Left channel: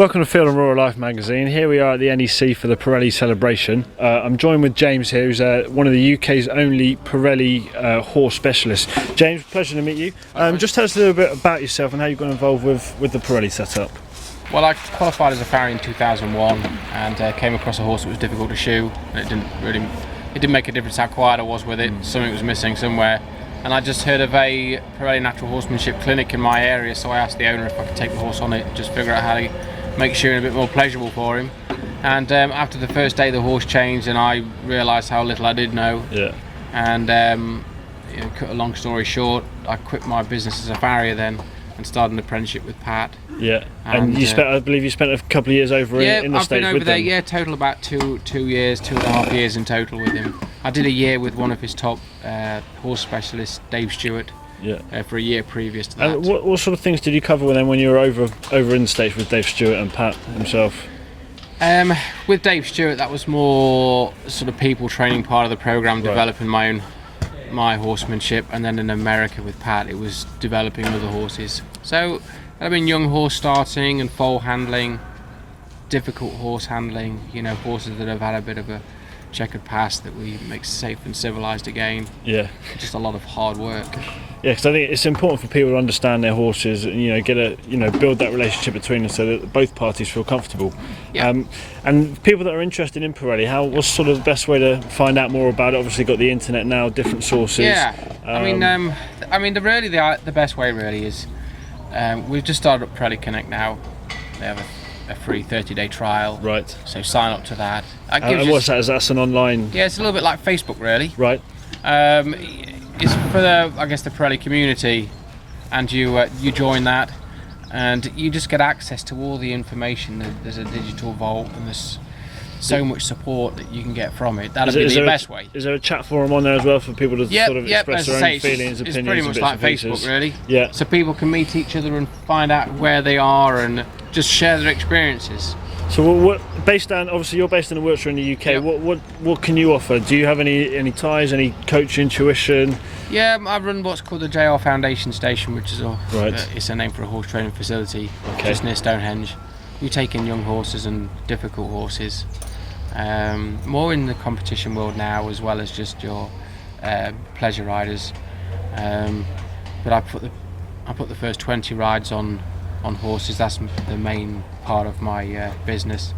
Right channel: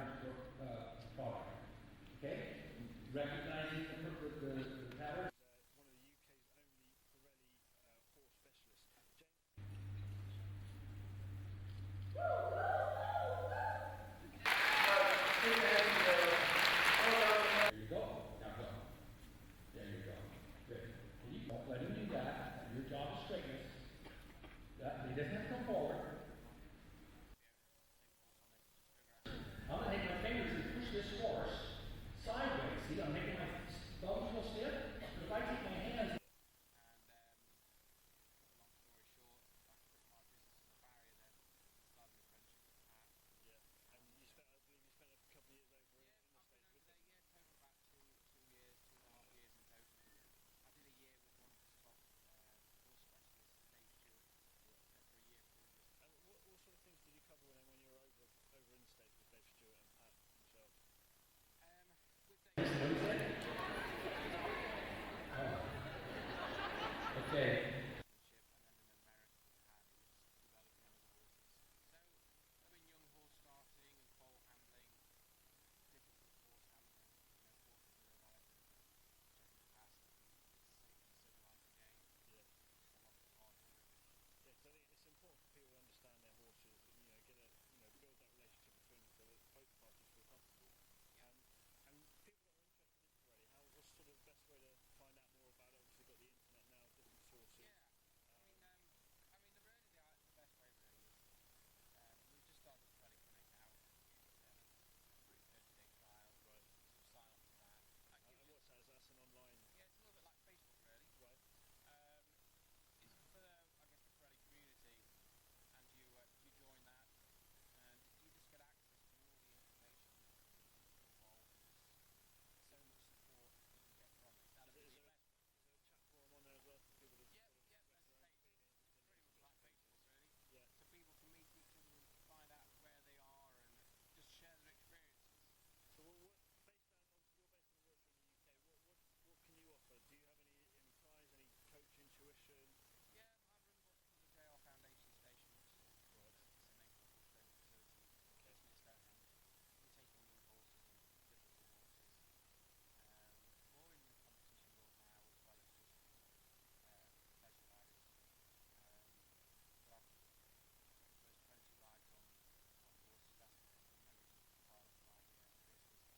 Welcome to Field and Rural Life magazine. Here we are at the NEC for the Parelli celebration. I'm joined with James here, who's one of the UK's only Parelli Horse Specialist. James, pleasure to meet you. Just tell us a little bit about yourself and how you got involved with the Parelli setup. Well, I qualified as a farrier in 2001 and came across a horse that was difficult to shoe. And it didn't make a difference how quiet I was with it. Something was missing somewhere. And I just heard of a Parelli Natural Horsemanship clinic in my area, so I asked the owner if I could take the horse on it, just figure out how to make shoeing a bit more pleasurable for him. And after the first day, the horse changed, and I realised how little I did know. Yeah. And cut a long story short, I quit my business as a farrier then and started an apprenticeship with Pat. Yeah. And you spent, I believe, you spent a couple of years over in the States with them. Yeah, I've been over there. Yeah, total about two years, 2.5 years in total with him. I did a year with one of his top horse specialists, Dave Stewart. Yeah. For a year previous to that. And what sort of things did you cover with them when you were over in the States with Dave Stewart and Pat himself? With Dave Stewart, that was more sort of people training part of the program, developing my horsemanship, and then in America with Pat, it was developing other horses. So I've been young horse starting and foal handling, difficult horse handling. Horses that have had a bit of a checkered past that we make safe and civilized again. Yeah. Just a lot of hard work. Yeah, because I think it's important for people to understand their horses and build that relationship between them so that both parties feel comfortable. Yeah. And people that are interested in Parelli, what's sort of the best way to find out more about it? Obviously, got the internet now, different sources. Yeah. The best way really is we've just started up Parelli Connect now. They have a free 30-day trial. Right. So sign up to that. And what's that? Is that an online? Yeah, it's a little bit like Facebook, really. Right. It's for the Parelli community, and you join that, and you just get access to all the information. There's a digital vault, and there's so much support that you can get from it. That'll be the best way. Is there a chat forum on there as well for people to sort of express their own feelings, opinions? It's pretty much like Facebook, really. Yeah. So people can meet each other and find out where they are and just share their experiences. So obviously you're based in Wiltshire in the UK. Yep. What can you offer? Do you have any ties, any coaching, tuition? Yeah, I run what's called the JR Foundation Station, which is it's a name for a horse training facility just near Stonehenge. We take in young horses and difficult horses, more in the competition world now as well as just your pleasure riders. But I put the first 20 rides on horses. That's the main part of my business,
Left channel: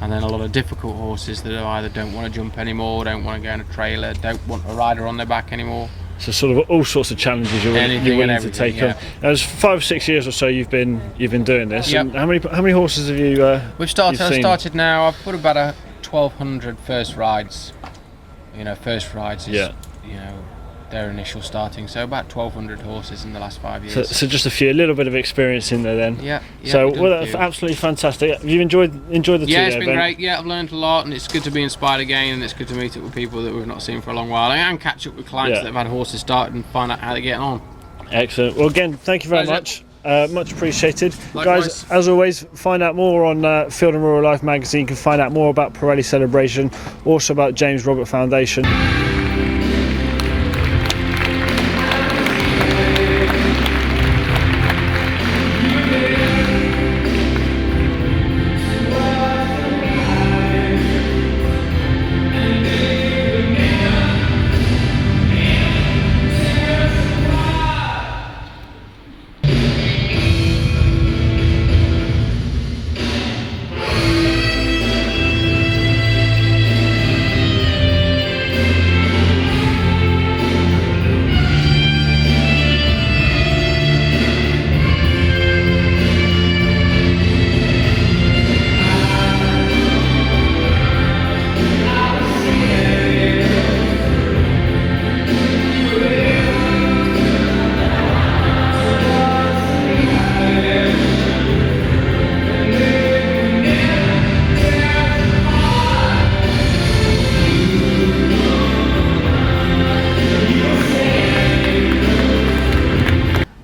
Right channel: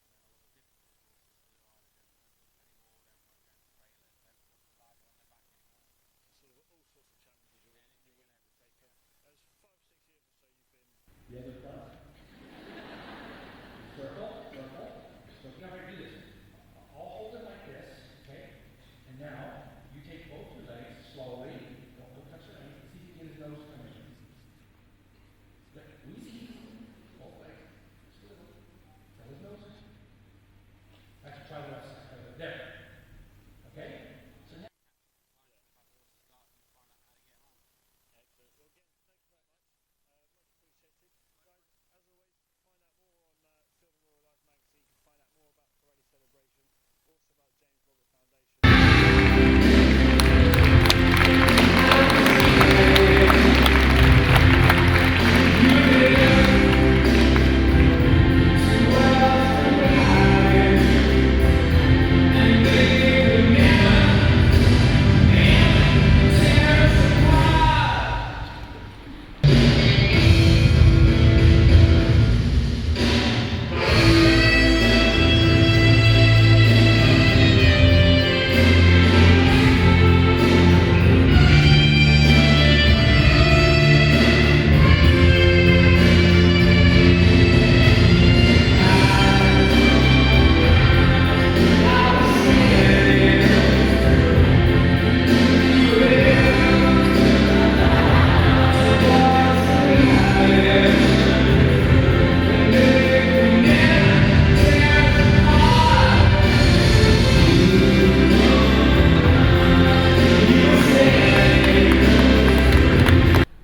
and then a lot of difficult horses that either don't want to jump anymore, don't want to go in a trailer, don't want a rider on their back anymore. So sort of all sorts of challenges you're willing to take on. Now, it's 5 or 6 years or so you've been doing this. Yep. And how many horses have you? I've started now. I've put about 1,200 first rides. First rides is their initial starting, so about 1,200 horses in the last 5 years. So just a little bit of experience in there then. Yeah. So that's absolutely fantastic. Have you enjoyed the 2 day it's been event? great. Yeah, I've learned a lot, and it's good to be inspired again, and it's good to meet up with people that we've not seen for a long while, and catch up with clients that have had horses started and find out how they're getting on. Excellent. Well, again, thank you very much. Much appreciated. Likewise. Guys, as always, find out more on Field and Rural Life magazine. You can find out more about Parelli Celebration, also about James Robert Foundation.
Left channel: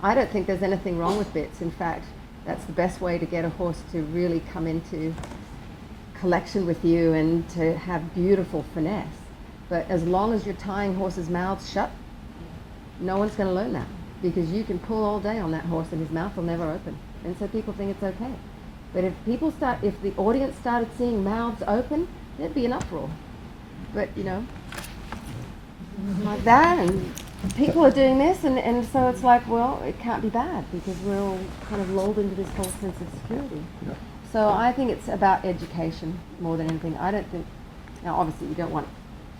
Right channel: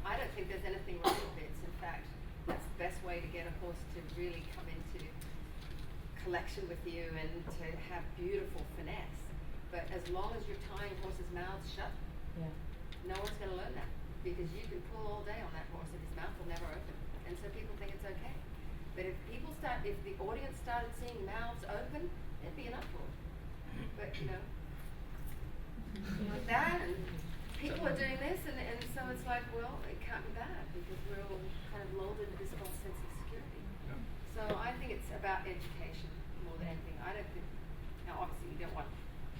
I don't think there's anything wrong with bits. In fact, that's the best way to get a horse to really come into collection with you and to have beautiful finesse. But as long as you're tying horses' mouths shut, no one's going to learn that, because you can pull all day on that horse and his mouth will never open. And so people think it's okay. But if the audience started seeing mouths open, there'd be an uproar. But like that, and people are doing this, and so it's like, well, it can't be bad because we're all kind of lulled into this whole sense of security. Yeah. So I think it's about education more than anything. I don't think, now obviously you don't want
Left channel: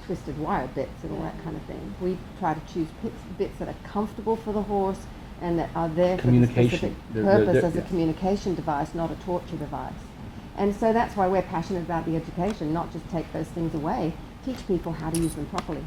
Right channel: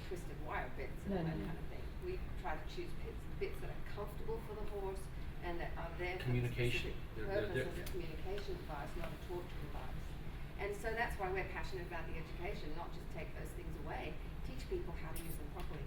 twisted wire bits and all that kind of thing. We try to choose bits that are comfortable for the horse and that are there for the specific purpose as a communication device, not a torture device. And so that's why we're passionate about the education, not just take those things away, teach people how to use them properly.